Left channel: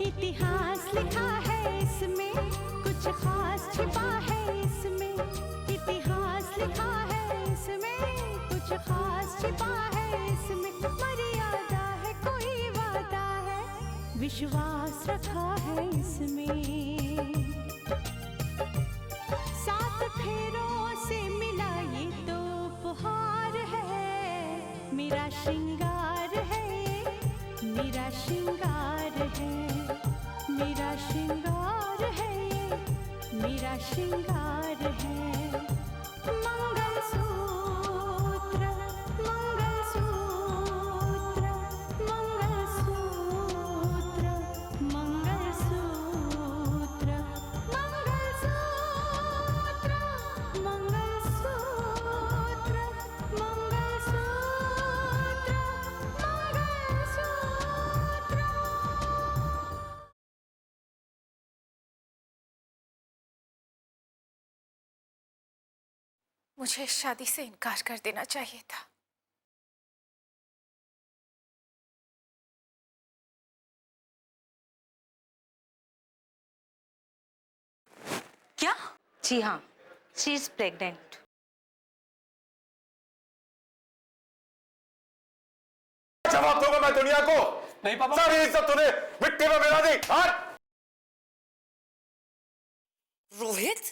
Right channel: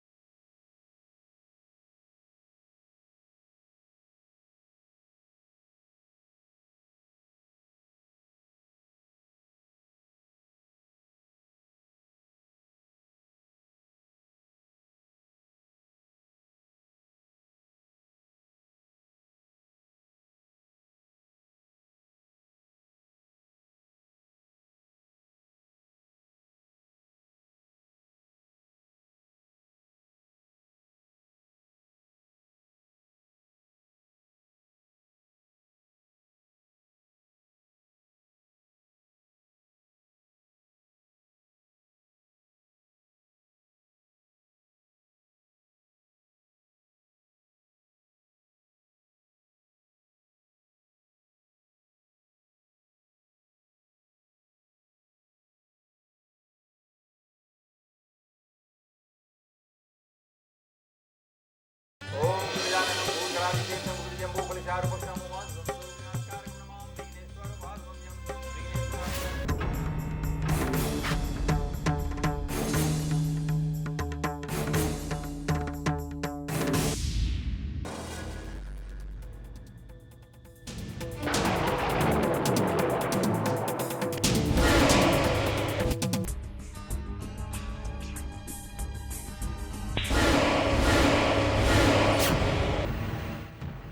इतिहास लिखा है इसमें, कुछ खास छिपा है इसमें। इतिहास लिखा है इसमें, कुछ खास छिपा है इसमें। मर्यादा है, कोई वादा है, विश्वास रखा है इसमें। सात फेरों से मिला ये तो उपहार है। मेरा श्रृंगार है, मेरा श्रृंगार है, मेरा श्रृंगार है, मेरा श्रृंगार है। मंगलसूत्र, मंगलसूत्र, मंगलसूत्र, मंगलसूत्र, मंगलसूत्र, मंगलसूत्र, मुझे इस शादी से इनकार कर देना चाहिए था। क्या? जी हाँ, शी इज प्रेग्नेंट। जवाब दूंगा मैं दुनिया को। नहीं पापा, सारी इज्जत तूने मिट्टी में मिला दी। रोहित,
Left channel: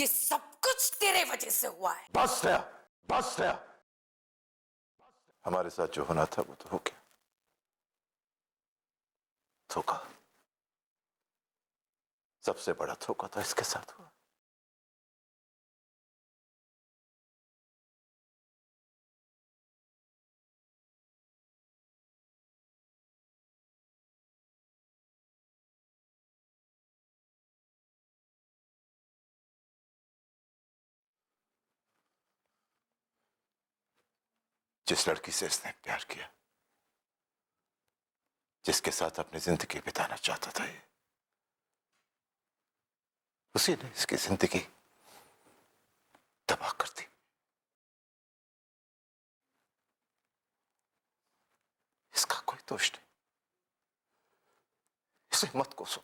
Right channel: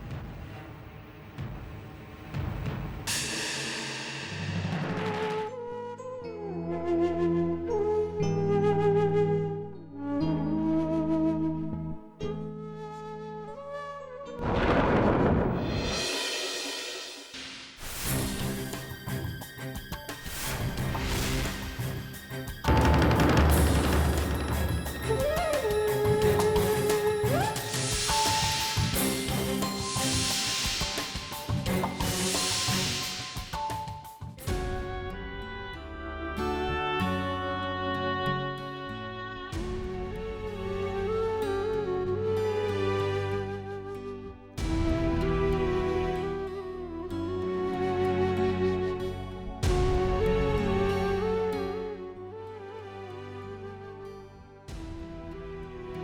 ये सब कुछ तेरे वजह से हुआ है। बस गया, बस गया। हमारे साथ जो होना था वो तो हो गया। धोखा, सबसे बड़ा धोखा था इसके साथ। जिस लड़की से इसने प्यार किया, जिसके साथ अपनी जिंदगी बिताना चाहता था, उसी ने इसकी जिंदगी तबाह कर दी। इसका कोई दोष नहीं, इसे मत कोसो।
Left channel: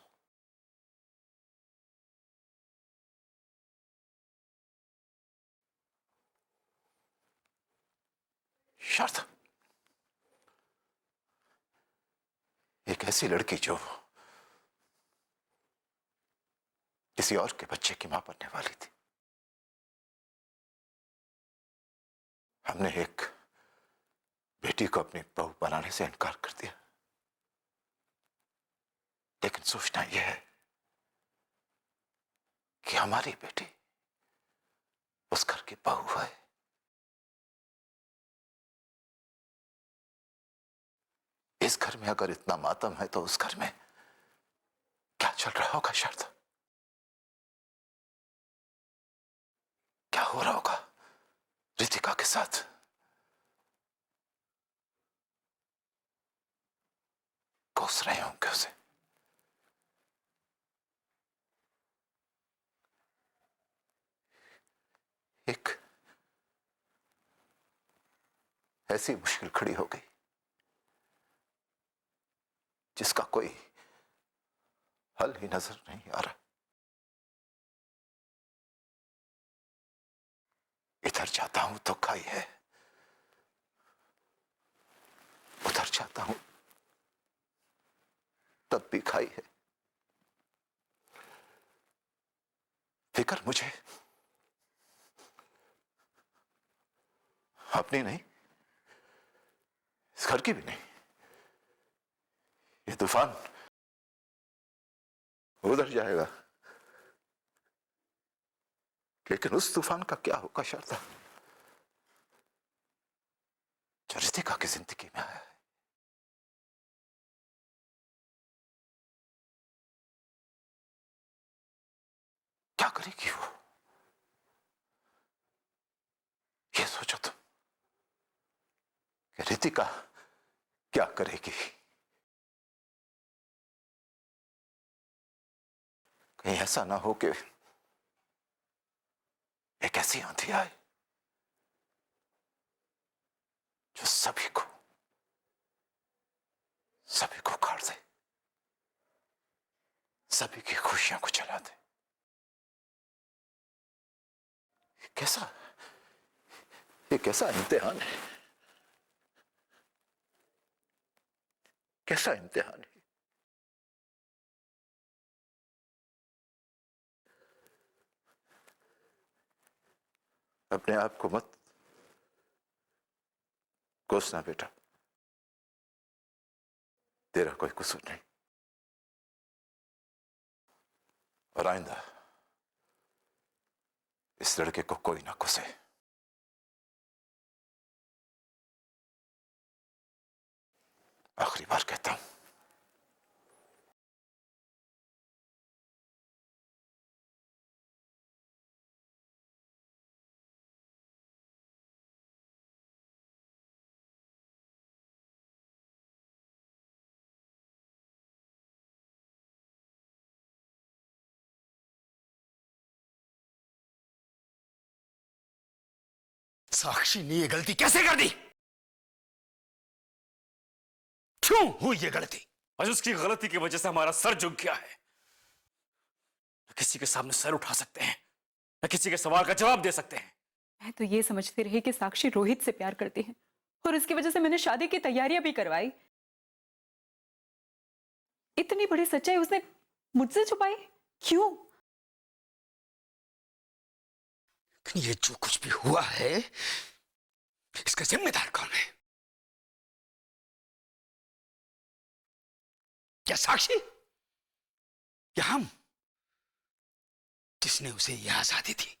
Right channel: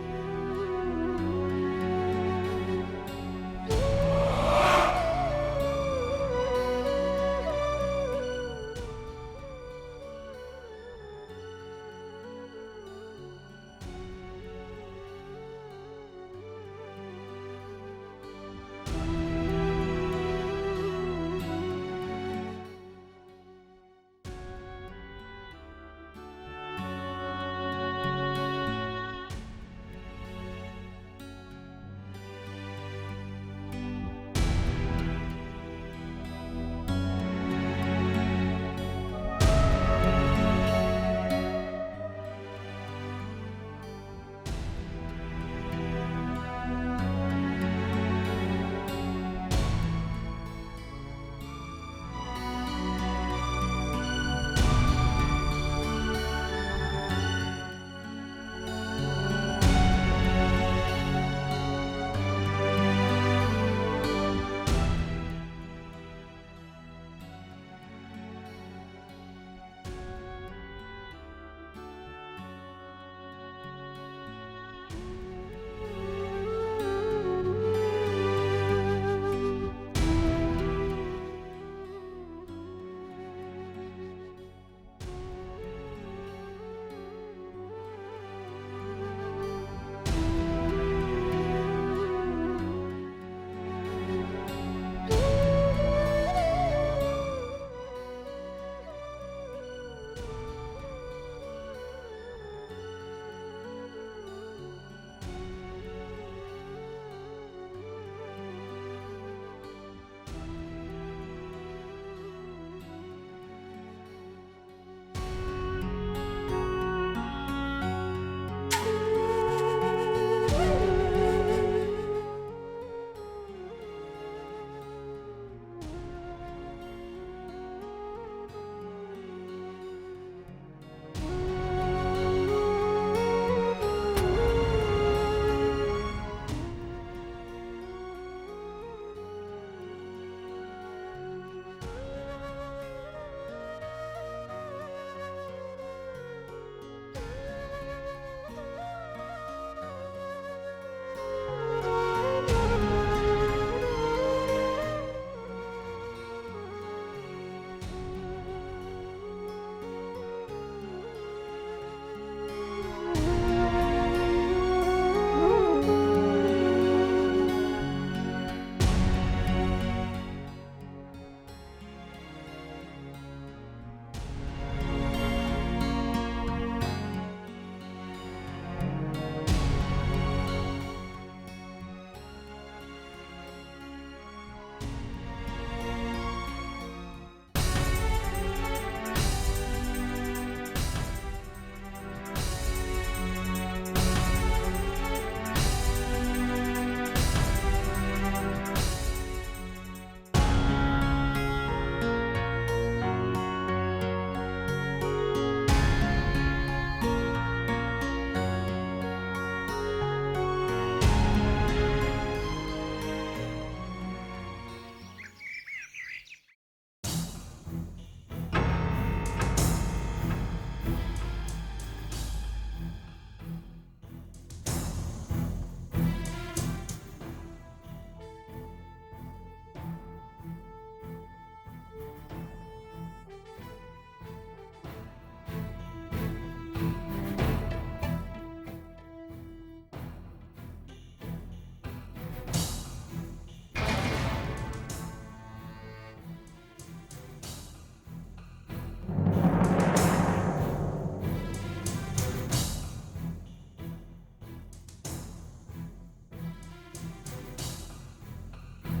शारदा एक ऐसी लड़की जो किसी और के बच्चे की मां बनने वाली थी। हमने एक बेटी को अपनी बहू बनाने से इनकार कर दिया, लेकिन सोचना यह है कि हमारी बेटी उस घर की बहू है। इस घर में अगर इतना मातम है तो उस घर में क्या चल रहा होगा शारदा? क्या हो रहा होगा रितिका के साथ? कोस रहे होंगे उसे। एक ऐसी मुश्किल खड़ी हो गई जिसका कोई हल ही नजर नहीं आ रहा। इधर जाता हूं तो खाई है, उधर जाता हूं तब भी खाई है। फिक्र मुझे अपनी नहीं, इस घर की भी नहीं। ये तूफान उधर जाएगा, लेकिन उस तूफान का क्या होगा शारदा, जो रितिका की जिंदगी में है। क्या करेगी वो, ये सोचो तुम। रितिका क्या करेगी? ऐसा ना हो कि एक ऐसी आंधी आए जो सभी को उखाड़ दे। सभी की खुशियों को जला दे। ये कैसा इम्तिहान है? कैसा इम्तिहान? अपने आप को मत कोसना बेटा, तेरा कोई कसूर नहीं। और आइंदा इस लड़के को कोई ना कोसे। आखिरी बार कहता हूं। साक्षी ने ये गलती कैसे कर दी? क्यों हुई ये गलती? आज उसकी गलती की वजह से हमारा सर झुक गया है। किसी के सामने सर उठा सकते हैं या किसी के सवाल का जवाब दे सकते हैं। मैं तो ये समझती रही कि साक्षी रोहित से प्यार करती है और इसकी वजह से मैंने शादी की तैयारियां भी करवाई। इतनी बड़ी सच्चाई उसने मुझसे छुपाई क्यों? ये जो कुछ भी हुआ है इसका जिम्मेदार कौन है? क्या साक्षी या हम, जिसने उसे यह आजादी थी?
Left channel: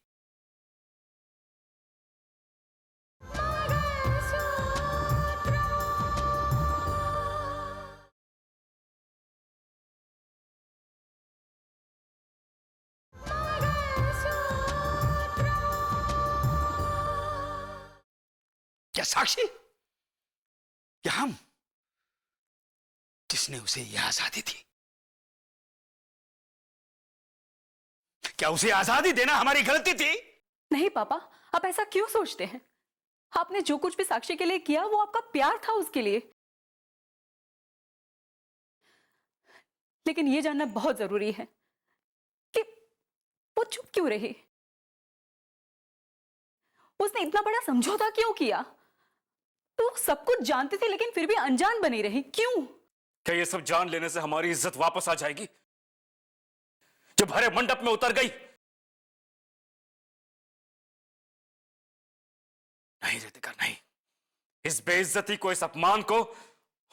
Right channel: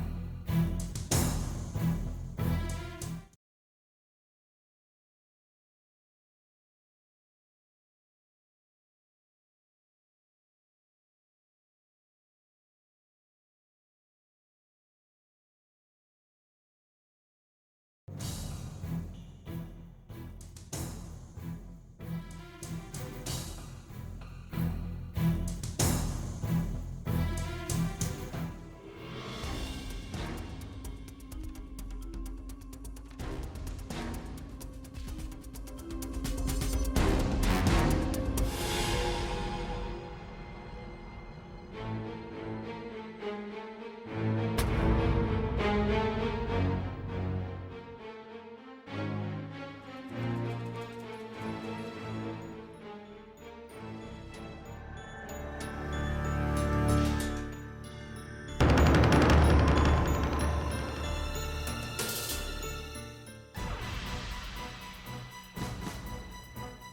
क्या साक्षी या हम, जिसने उसे यह आजादी थी? क्या उसे आजादी देना हमारी गलती थी? नहीं पापा, आप ऐसा क्यों सोचते हैं? आपने जो कुछ भी साक्षी के लिए किया वो आपका प्यार था उसके लिए। लेकिन ये जानना बहुत जरूरी है कि वो चुप क्यों रही? उसने इतना बड़ा समझौता क्यों किया? तो सब कुछ जानती थी लेकिन फिर भी अनजान बनी रही, क्यों? क्या ये सब जान लेने से हमारी इज्जत वापस आ जाएगी जो भरे मंडप में उतर गई? नहीं रितिका, नहीं। इस बेइज्जती को, इस अपमान को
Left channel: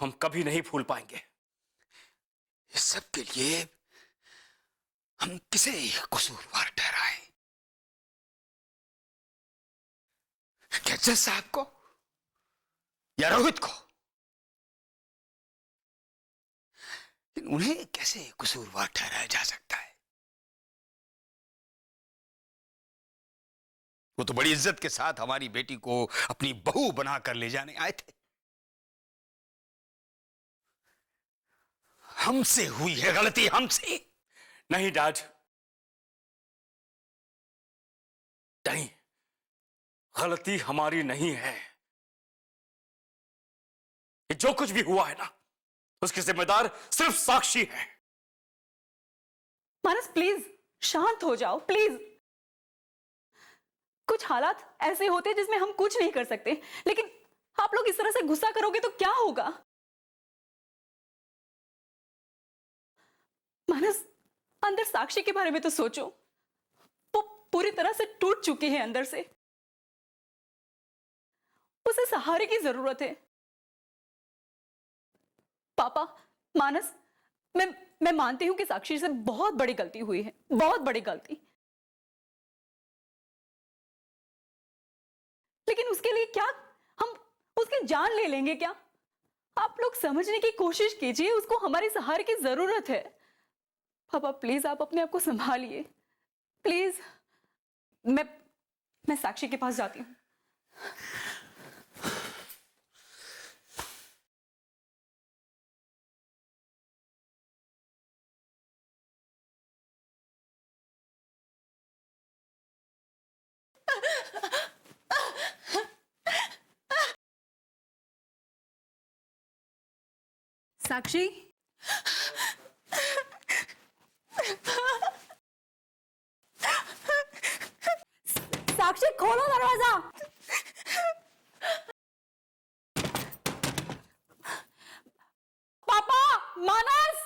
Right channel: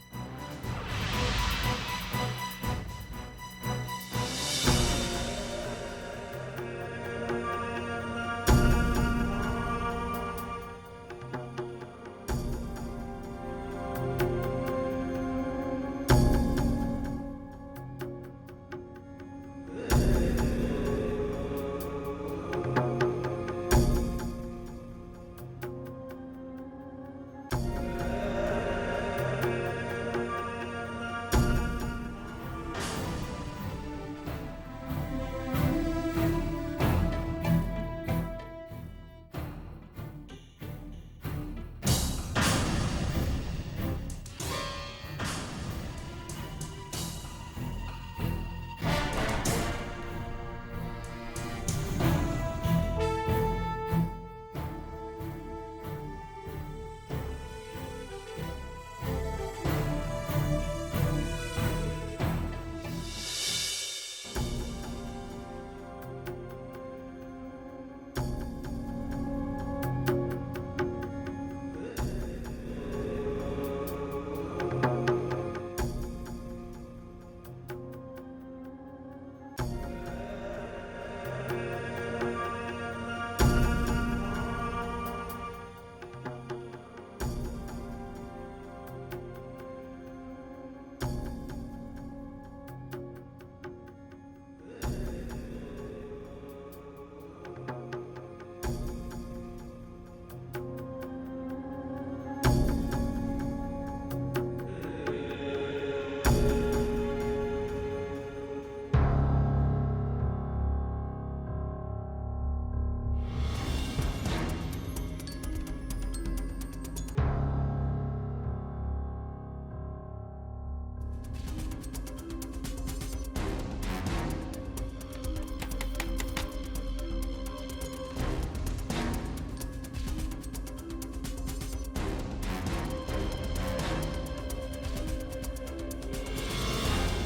हम कभी नहीं भूल पाएंगे। इस सब के लिए हम किसे कसूरवार ठहराए? क्या जज साहब को या रोहित को? उन्हें कैसे कसूरवार ठहराया जा सकता है? वो तो बड़ी इज्जत के साथ हमारी बेटी को अपनी बहू बनाकर ले जाने आए थे। हमसे हुई है गलती, हमसे। नहीं डैड, नहीं, गलती हमारी नहीं है। ये जो कुछ भी हुआ है ना, उसकी जिम्मेदार सिर्फ साक्षी है। मानस प्लीज शांत हो जाओ, प्लीज। कुछ हालात ऐसे होते हैं जिसमें हम कुछ नहीं कर सकते, लेकिन आप लोग इस तरह से गुस्सा करोगे तो क्या होगा? मानस, अंदर साक्षी के बारे में तो सोचो। वो पूरी तरह से टूट चुकी है अंदर से। उसे सहारे की जरूरत है। पापा, मानस, मैं मानती हूं कि साक्षी से बहुत बड़ी गलती हुई है, बहुत बड़ी गलती। लेकिन उसके लिए क्या हम उसकी जान ले लेंगे क्या? आप लोग समझने की कोशिश कीजिए, उसको हमारे सहारे की जरूरत है। पापा प्लीज, आप अपने आप को संभालिए प्लीज। मैं साक्षी के पास जाती हूँ। साक्षी, साक्षी खोलो दरवाजा। पापा, मानस।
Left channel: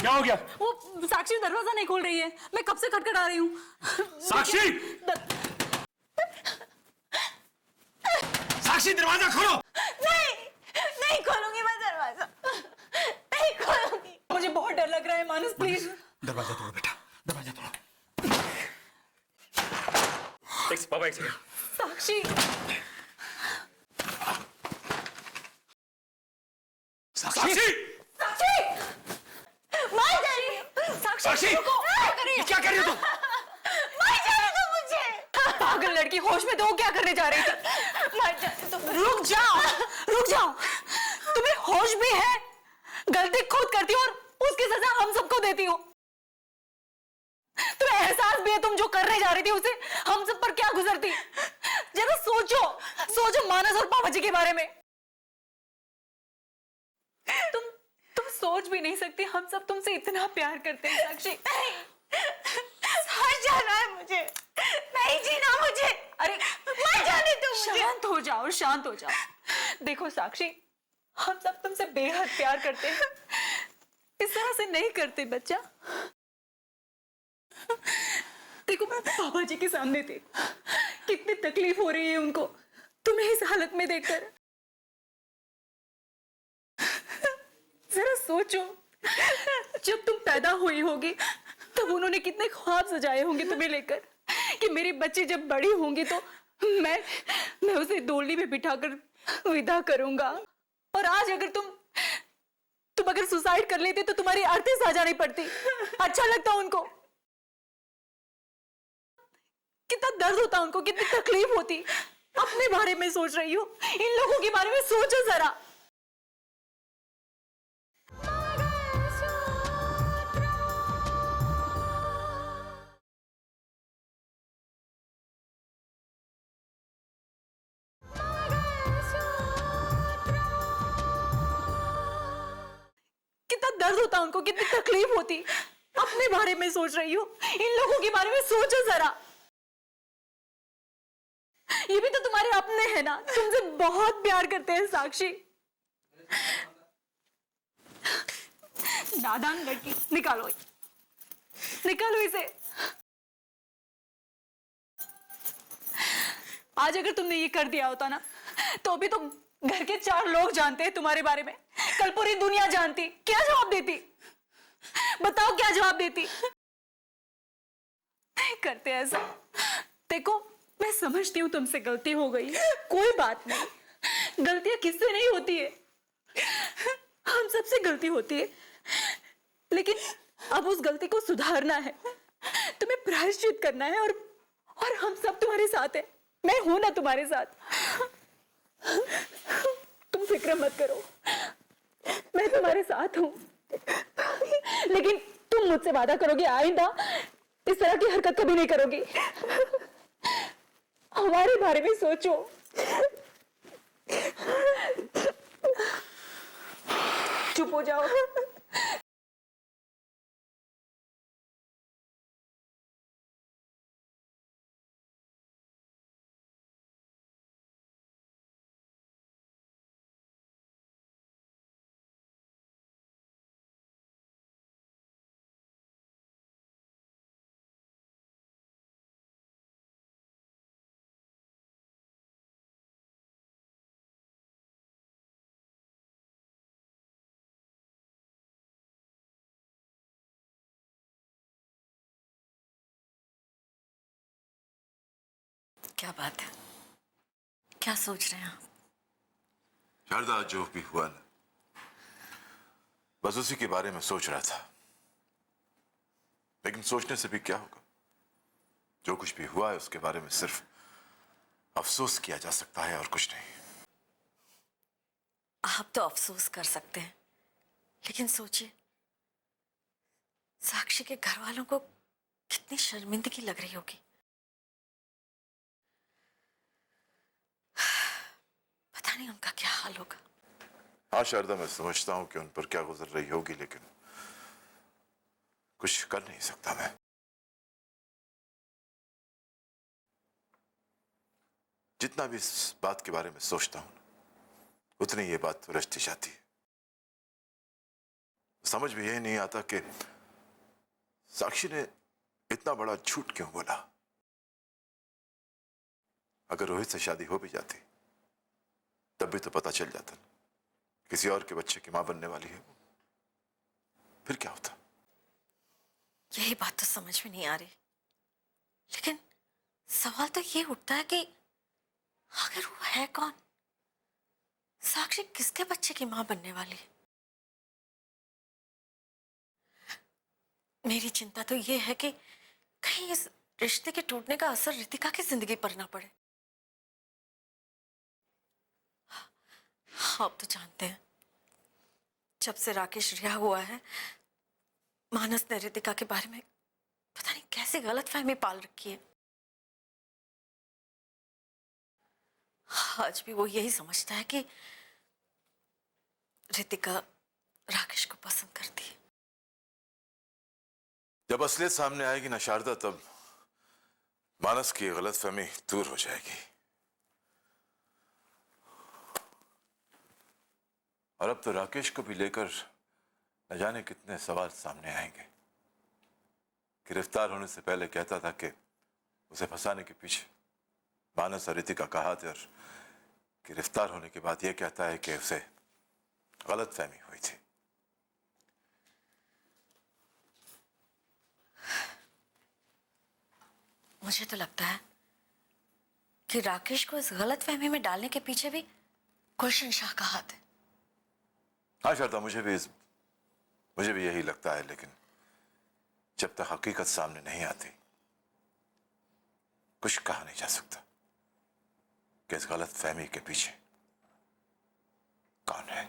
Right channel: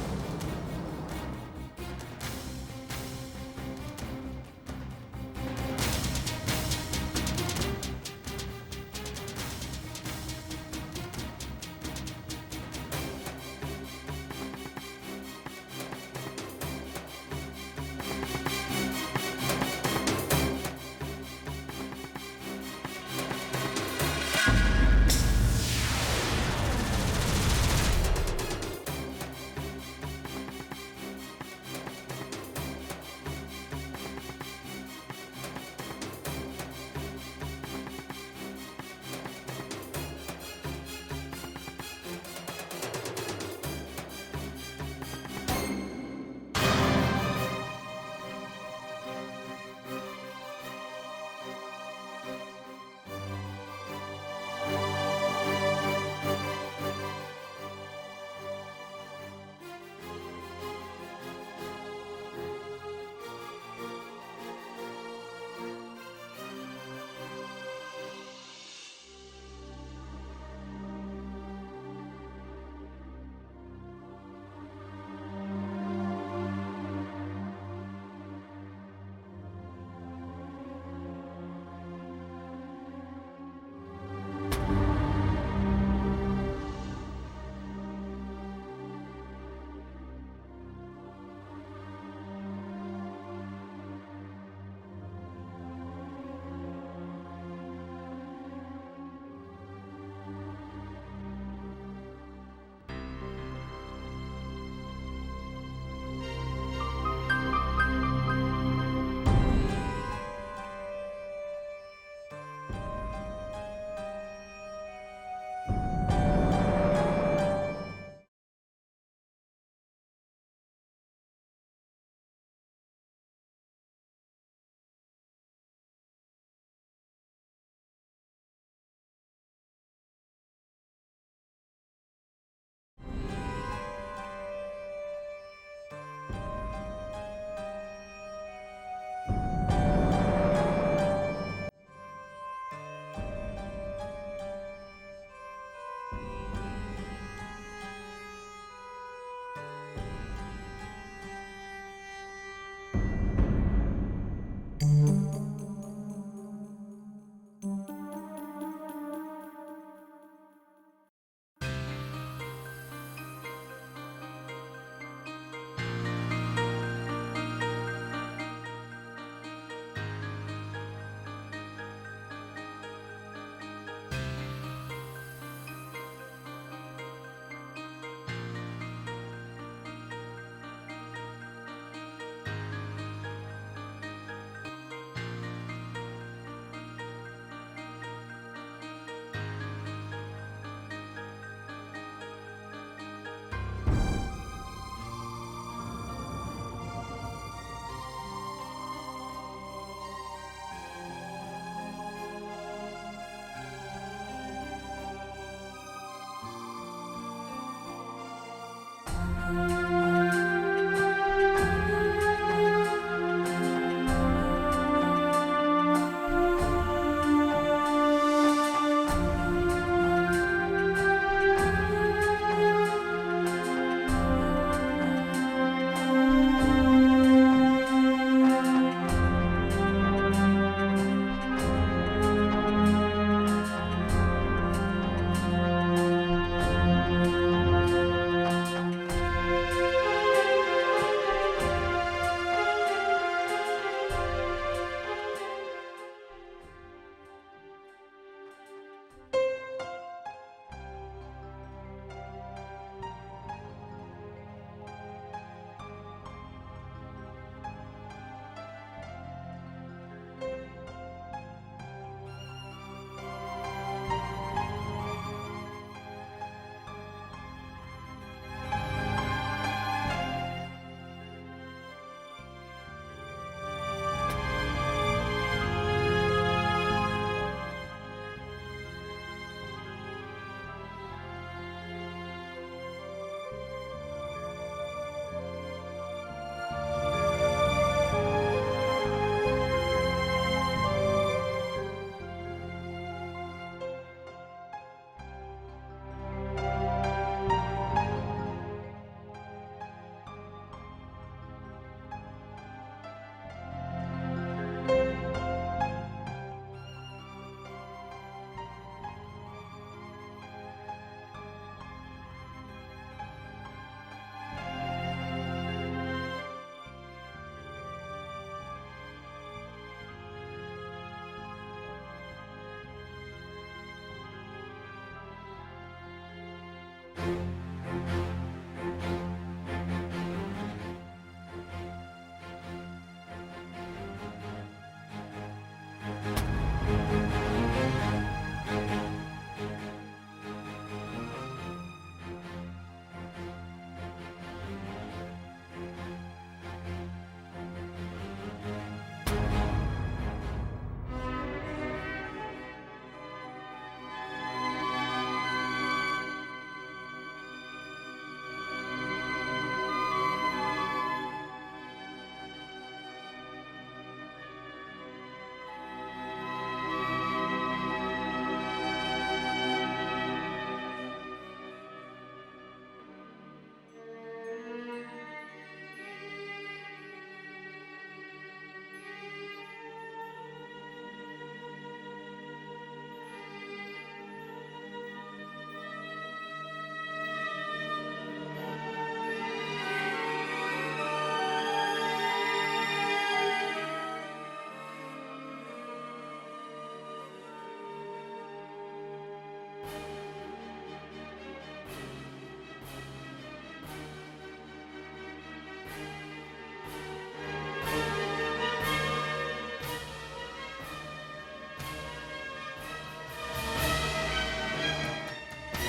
क्या हो गया? वो साक्षी दरवाजा नहीं खोल रही है। मैं कब से खटखटा रही हूँ। साक्षी! साक्षी दरवाजा खोलो। नहीं खोलूंगी मैं दरवाजा। नहीं खोलूंगी। मुझे बहुत डर लग रहा है मानस, प्लीज। बाबा एक सेकंड। साक्षी, साक्षी! साक्षी, मार जा रही है। साक्षी! क्या कर रही हो तुम? मार जा रही तुम मुझे। पागल लड़की, होश में तो वो क्या करने जा रही थी? मार जा तुम। रुक जाओ, रुक जाओ। तुम्हें होश भी है? गलती खुद करती हो और उसकी सजा हम सबको देती हो। तुम्हें एहसास भी है तुम जो करने जा रही थी उसे हम सब पर क्या गुजरती? जरा सोचो, सोचो मानस और पापा जी के बारे में। तुम सोच भी नहीं सकती, हम सब तुमसे इतना प्यार करते हैं साक्षी। मर जाना है मुझे, नहीं जीना मुझे। अरे मर जाने दो मुझे। शांत हो जाओ, शांत हो जाओ। देखो साक्षी, हम सब तुमसे बेहद प्यार करते हैं। इस तरह से नहीं करते बच्चा। देखो मैं पापा जी के सामने थी, कितनी तकलीफ हो रही है उनको तुम्हें इस हालत में देखकर। जरा सोचो, जब तुम पैदा हुई होगी तब उन्होंने कितने ख्वाब सजाए होंगे तुम्हें लेकर कि मेरी बच्ची जब बड़ी होंगी तो मैं उसे डोली में बिठाकर विदा करूंगा। और आज अगर तुम अगर सुसाइड कर लेते तो तुम्हारी अर्थी साजा नहीं पड़ती। अच्छा लगता उनको? कितना दर्द होता उनको, कितनी तकलीफ होती। अपने बारे में सोच रही हो, इन लोगों के बारे में सोचो जरा। कितना दर्द होता उनको, कितनी तकलीफ होती। अपने बारे में सोच रही हो, इन लोगों के बारे में सोचो जरा। ये भी तो तुम्हारे अपने हैं ना, तुमसे बहुत प्यार करते हैं साक्षी। नादान लड़की, निकालो इसे। आज अगर तुमने ये कर दिया होता ना तो अभी तो घर के 4 लोग जानते हैं तुम्हारे बारे में, कल पूरी दुनिया जानती। क्या जवाब देती? बताओ क्या जवाब देती? नहीं करते ऐसा। देखो मैं समझती हूँ तुमसे गलती हो गई, कोई बात नहीं। गलतियां किससे नहीं होती है, हम सबसे गलती होती है। लेकिन अब उस गलती को सुधारना है, तुम्हें प्रायश्चित करना है। और हम सब तुम्हारे साथ हैं। मैं हूं ना तुम्हारे साथ। तुम फिक्र मत करो, मैं तुम्हारे साथ हूं। लेकिन तुम मुझसे वादा करोगे आइंदा इस तरह की हरकत कभी नहीं करोगी। हमारे बारे में सोचो। चुप हो जाओ। क्या सोच रहे हैं आप? शारदा, जो भी हुआ ना, बस उसी के बारे में सोच रहा था। लेकिन सोचने से भी क्या होगा? जो कुछ भी हुआ है उसके बारे में सिर्फ अफसोस किया जा सकता है और कुछ नहीं। आप तो अफसोस कर सकते हैं, लेकिन सोचिए साक्षी के घर वालों को कितनी शर्मिंदगी लग रही होगी। पता नहीं उनका क्या हाल होगा। हाँ शारदा, मैं समझता हूँ कि उन पर क्या गुजर रही होगी, लेकिन कुछ कर नहीं सकता मैं। जितना भी इस बात के बारे में सोचता हूँ, उतनी ये बात उलझती जाती। समझ में यही नहीं आता कि साक्षी ने इतना बड़ा झूठ क्यों बोला। अगर रोहित से शादी हो भी जाती, तब भी तो पता चल जाता किसी और के बच्चे की मां बनने वाली है, फिर क्या होता? यही बात तो समझ में नहीं आ रही, लेकिन सवाल तो ये उठता है कि आखिर वो है कौन? साक्षी किसके बच्चे की मां बनने वाली है? मेरी चिंता तो ये है कि कहीं इस रिश्ते के टूटने का असर रितिका की जिंदगी पर ना पड़े। आप तो जानते हैं, जब से राकेश रिहा हुआ है, मानस ने रितिका के बारे में पता नहीं कैसे गलतफहमी पाल रखी है। आज भी वो यही समझता है कि रितिका राकेश को पसंद करती है। जब असलियत सामने आएगी ना शारदा, तब मानस की गलतफहमी दूर हो जाएगी। और अब तो राकेश को भी लेकर न जाने कितने सवाल सामने आएंगे। गिरफ्तार होने से पहले कहता था कि उसे फंसाने के पीछे मानस और रितिका का हाथ है, और गिरफ्तार होने के बाद यह कहता है कि उसे गलतफहमी हुई थी। मुझे तो लगता है कि राकेश को इस गलतफहमी में डालने के पीछे भी गुलशन शाह का हाथ है। हाँ शारदा, मुझे भी यही लगता है, लेकिन जब तक हकीकत सामने नहीं आती, कुछ कहा नहीं जा सकता कि इस गलतफहमी के पीछे कौन है।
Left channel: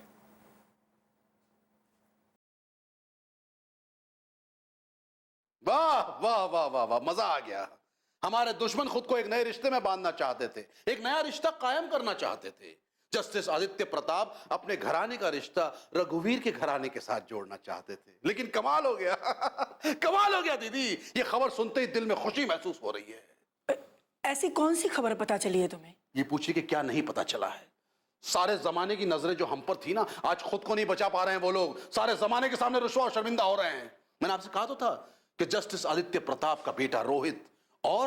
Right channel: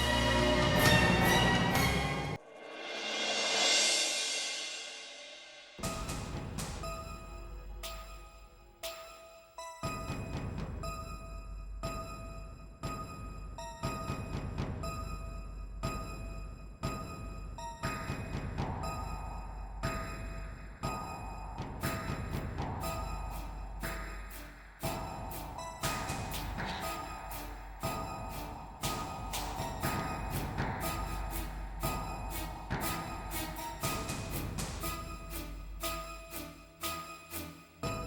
वाह वाह वाह वाह वाह, मजा आ गया। हमारे दुश्मन खुद को एक नए रिश्ते में बांधना चाहते थे, एक नया रिश्ता कायम करना चाहते थे। जस्टिस आदित्य प्रताप अपने घराने का रिश्ता रघुवीर के घराने के साथ जोड़ना चाहते थे, लेकिन कमाल हो गया। कमाल हो गया दीदी, ये खबर सुनते ही दिल में खुशी महसूस हो रही है। ऐसी कौन सी खबर पता चली है तुम्हें? ये पूछिए कि क्या नहीं पता चला है। सारे जमाने की नजरें जो हम पर थी ना, आज खुद को नहीं बचा पा रहे हैं वो लोग। सारे जमाने के सामने रुस्वा और शर्मिंदा हो रहे हैं। मैंने आपसे कहा तो था कि जस्टिस आदित्य प्रताप का बेटा रोहित और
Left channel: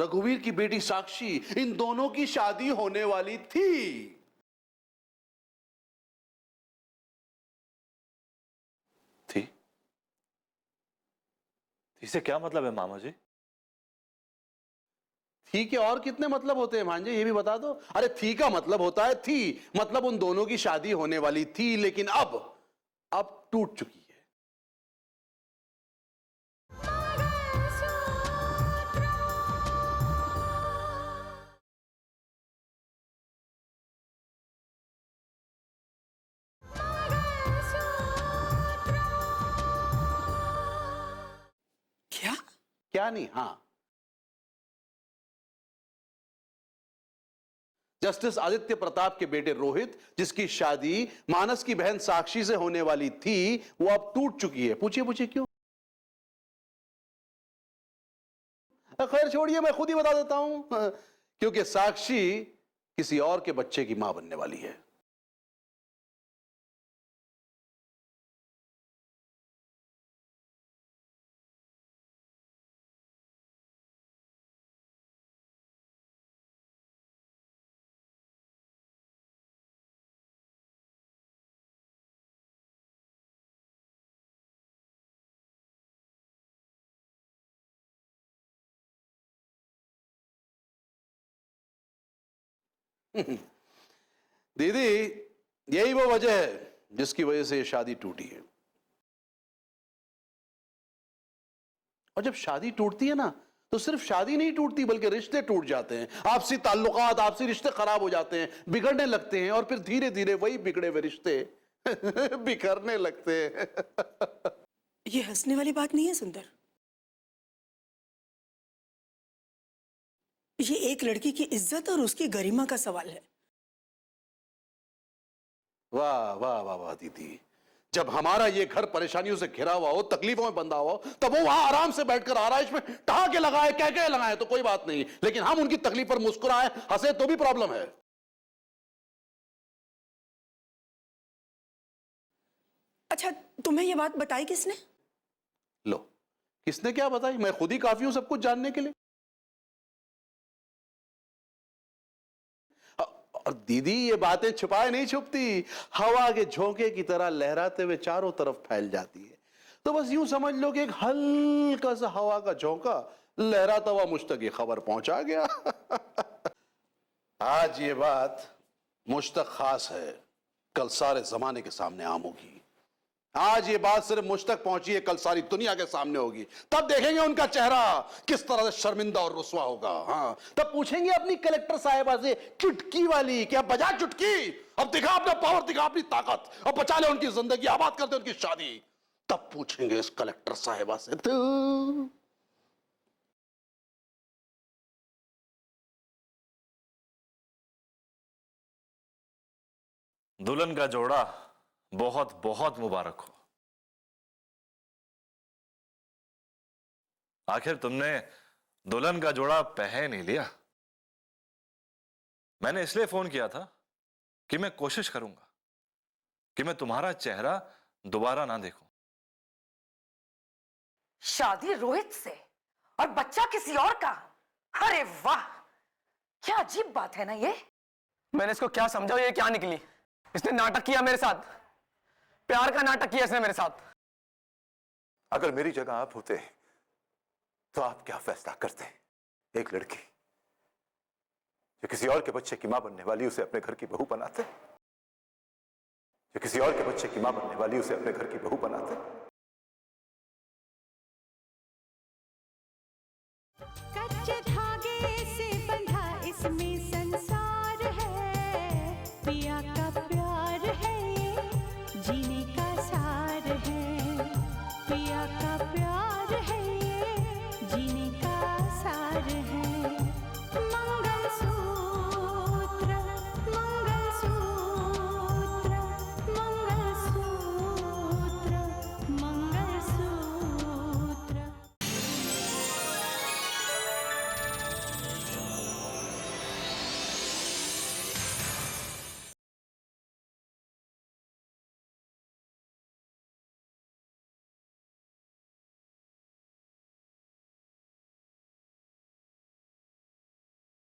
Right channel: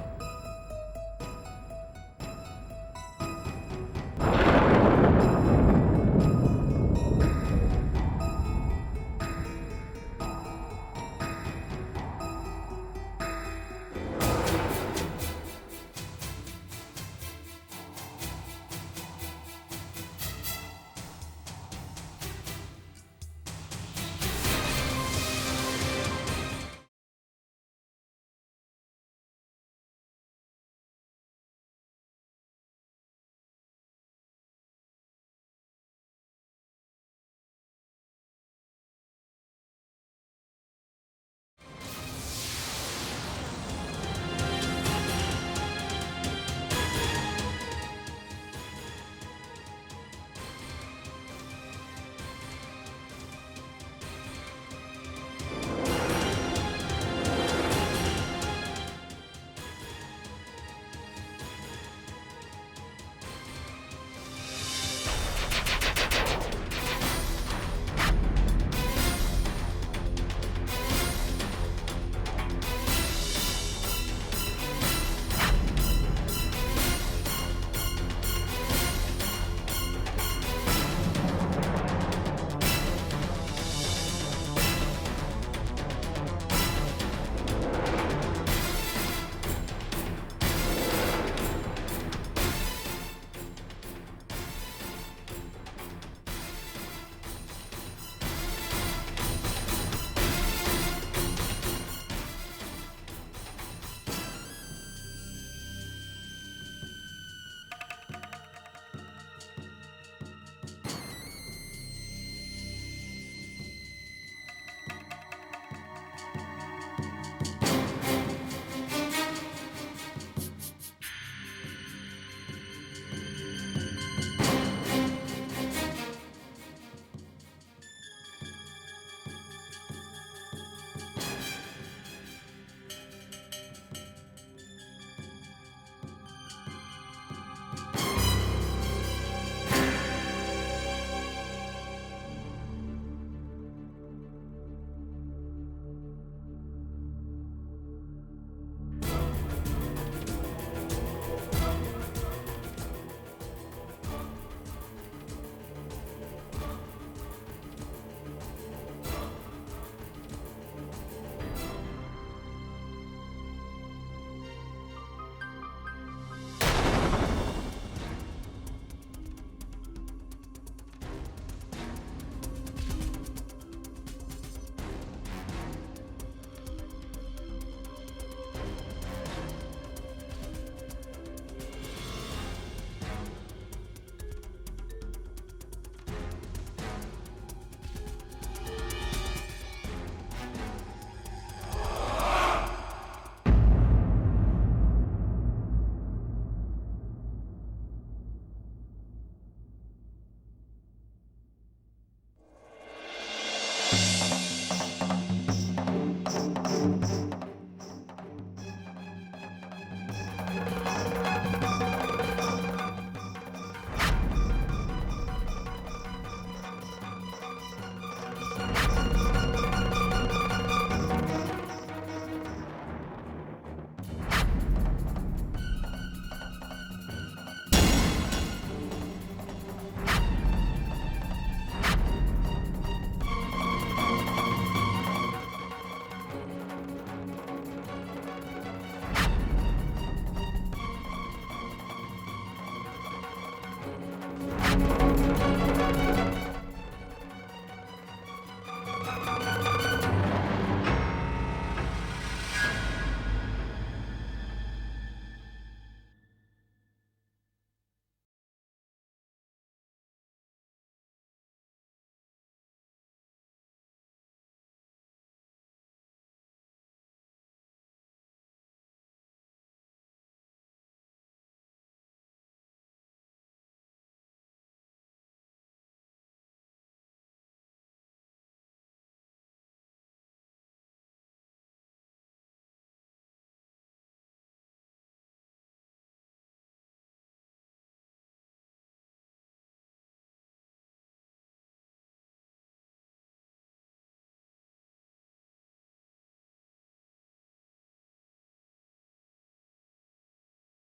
रघुवीर की बेटी साक्षी, इन दोनों की शादी होने वाली थी। इसे क्या मतलब है मामा जी? थी के और कितने मतलब होते हैं भांजे, ये भी बता दो। अरे थी का मतलब होता है थी, मतलब उन दोनों की शादी होने वाली थी, लेकिन अब टूट चुकी। क्या नहीं? हाँ, जस्टिस आदित्य प्रताप के बेटे रोहित, जिसकी शादी मानस की बहन साक्षी से होने वाली थी, वो अब टूट चुकी है। पूछिए क्यों? खैर छोड़िए, मैं खुद ही बता देता हूं। क्योंकि साक्षी किसी और के बच्चे की मां बनने वाली है। दीदी, यही वो वजह है जिसकी वजह से ये शादी टूटी। और जब शादी टूटती है ना, तो सिर्फ शादी नहीं टूटती, बल्कि रिश्ते टूट जाते हैं। आपसी ताल्लुकात, आपसी रिश्ते खराब हो जाते हैं, बिगड़ने लगते हैं, और फिर धीरे धीरे वही बिगड़े हुए रिश्ते बिखरने लगते हैं। ये हंसने वाली बात नहीं है सुंदर। ये एक लड़की की इज्जत और उसकी गरिमा का सवाल है। वाह वाह वाह वाह दीदी, जब हमारा ये घर परेशानियों से घिरा हुआ हो, तकलीफों में बंधा हुआ हो, तब वो वहां आराम से बैठकर आराइश में ठहाके लगाए, कह लगाए तो कोई बात नहीं, लेकिन हम उनकी तकलीफ पर मुस्कुराए, हंसे तो भी प्रॉब्लम है। अच्छा, तुम्हें ये बात बताई किसने? लो, किसने क्या बताई? मैं खुद ही काफी हूं सब कुछ जानने के लिए। और दीदी, ये बातें छुपाए नहीं छुपती, हवा के झोंके की तरह लहराते हुए चारों तरफ फैल जाती। तो बस यूं समझ लो कि एक हल्का सा हवा का झोंका लहराता हुआ मुझ तक ये खबर पहुंचा गया। आज ये बात मुझ तक खास है, कल सारे जमाने के सामने आम होगी। आज ये बात सिर्फ मुझ तक पहुंची है, कल सारी दुनिया के सामने होगी। तब देखेंगे उनका चेहरा किस तरह से शर्मिंदा और रुस्वा होगा। हाँ, तब पूछेंगे अपनी कलेक्टर साहिबा से, चुटकी वाली, क्या बजा चुटकी? अब दिखा अपना पावर, दिखा अपनी ताकत, अब बचा ले उनकी जिंदगी, आबाद कर दे उनकी शादी। तब पूछेंगे इस कलेक्टर साहिबा से, तू दुल्हन का जोड़ा बहुत बहुत मुबारक हो। आखिर तुमने दुल्हन का जोड़ा पहन ही लिया। मैंने इसलिए फोन किया था कि मैं कोशिश करूं कि मैं तुम्हारा चेहरा दोबारा ना देखूं। शादी रोहित से और बच्चा किसी और का? अरे वाह, क्या अजीब बात है ना ये। मैंने इसको क्या समझा, ये क्या निकली? इसने नाटक किया मेरे साथ, प्यार का नाटक किया इसने मेरे साथ। अगर मेरी जगह आप होते तो आप क्या फैसला करते? एक लड़की जो किसी और के बच्चे की मां बनने वाली, उसे अपने घर की बहू बनाते? किसी और के बच्चे की मां बनने वाली, उसे अपने घर की बहू बनाते?